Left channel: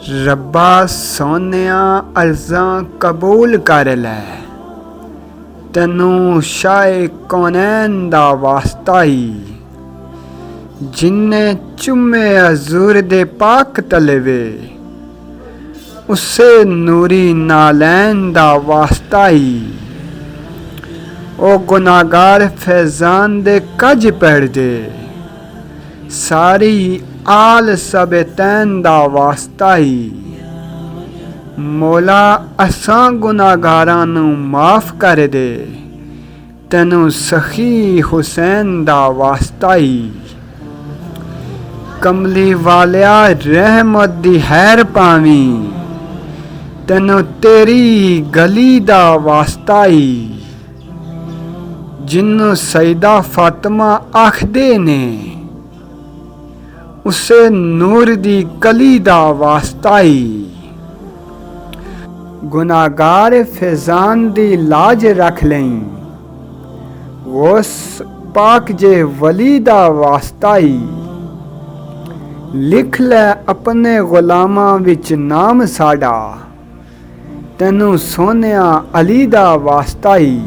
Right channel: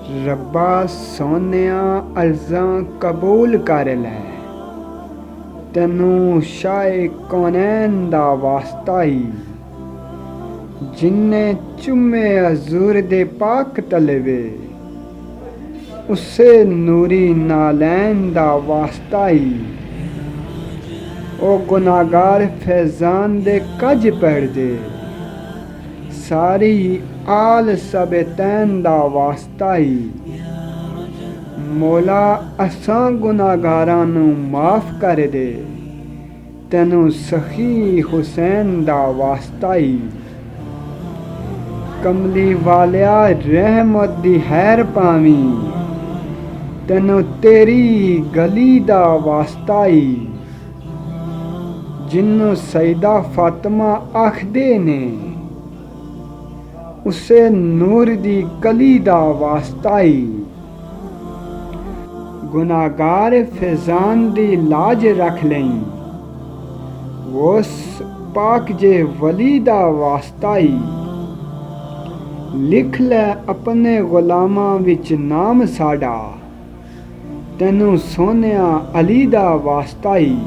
रब्बा सोनिया अर्ज़ां कबूल कर लै, तैनू शाए कौनैन दा वास्ता ही। जिन्ने चुम्मे हज़ूर दे पाक तलवे, उसे नूरी नालैन दा वास्ता ही। ओ गुनाहगार फैज़ान दे कज पढ़ दे, सारी आल सबतैन दा वास्ता ही। मौला असां गुनाहगारां नू माफ़ कर दे, तैनू सखी हुसैन दा वास्ता ही। कमली वालिया रहमत दी हैर पावी, तैनू तेरी गली दा वास्ता ही। जिन्नू सईदा फातिमा आखदे ने, उसे नूर दी कली दा वास्ता ही। गुनाहगार फैज़ान दी लाज रख लई, उस पाक जे वली दा वास्ता ही। लिख लै अपने गुलामां विच नाम साडा, तैनू सोनिया अली दा वास्ता ही।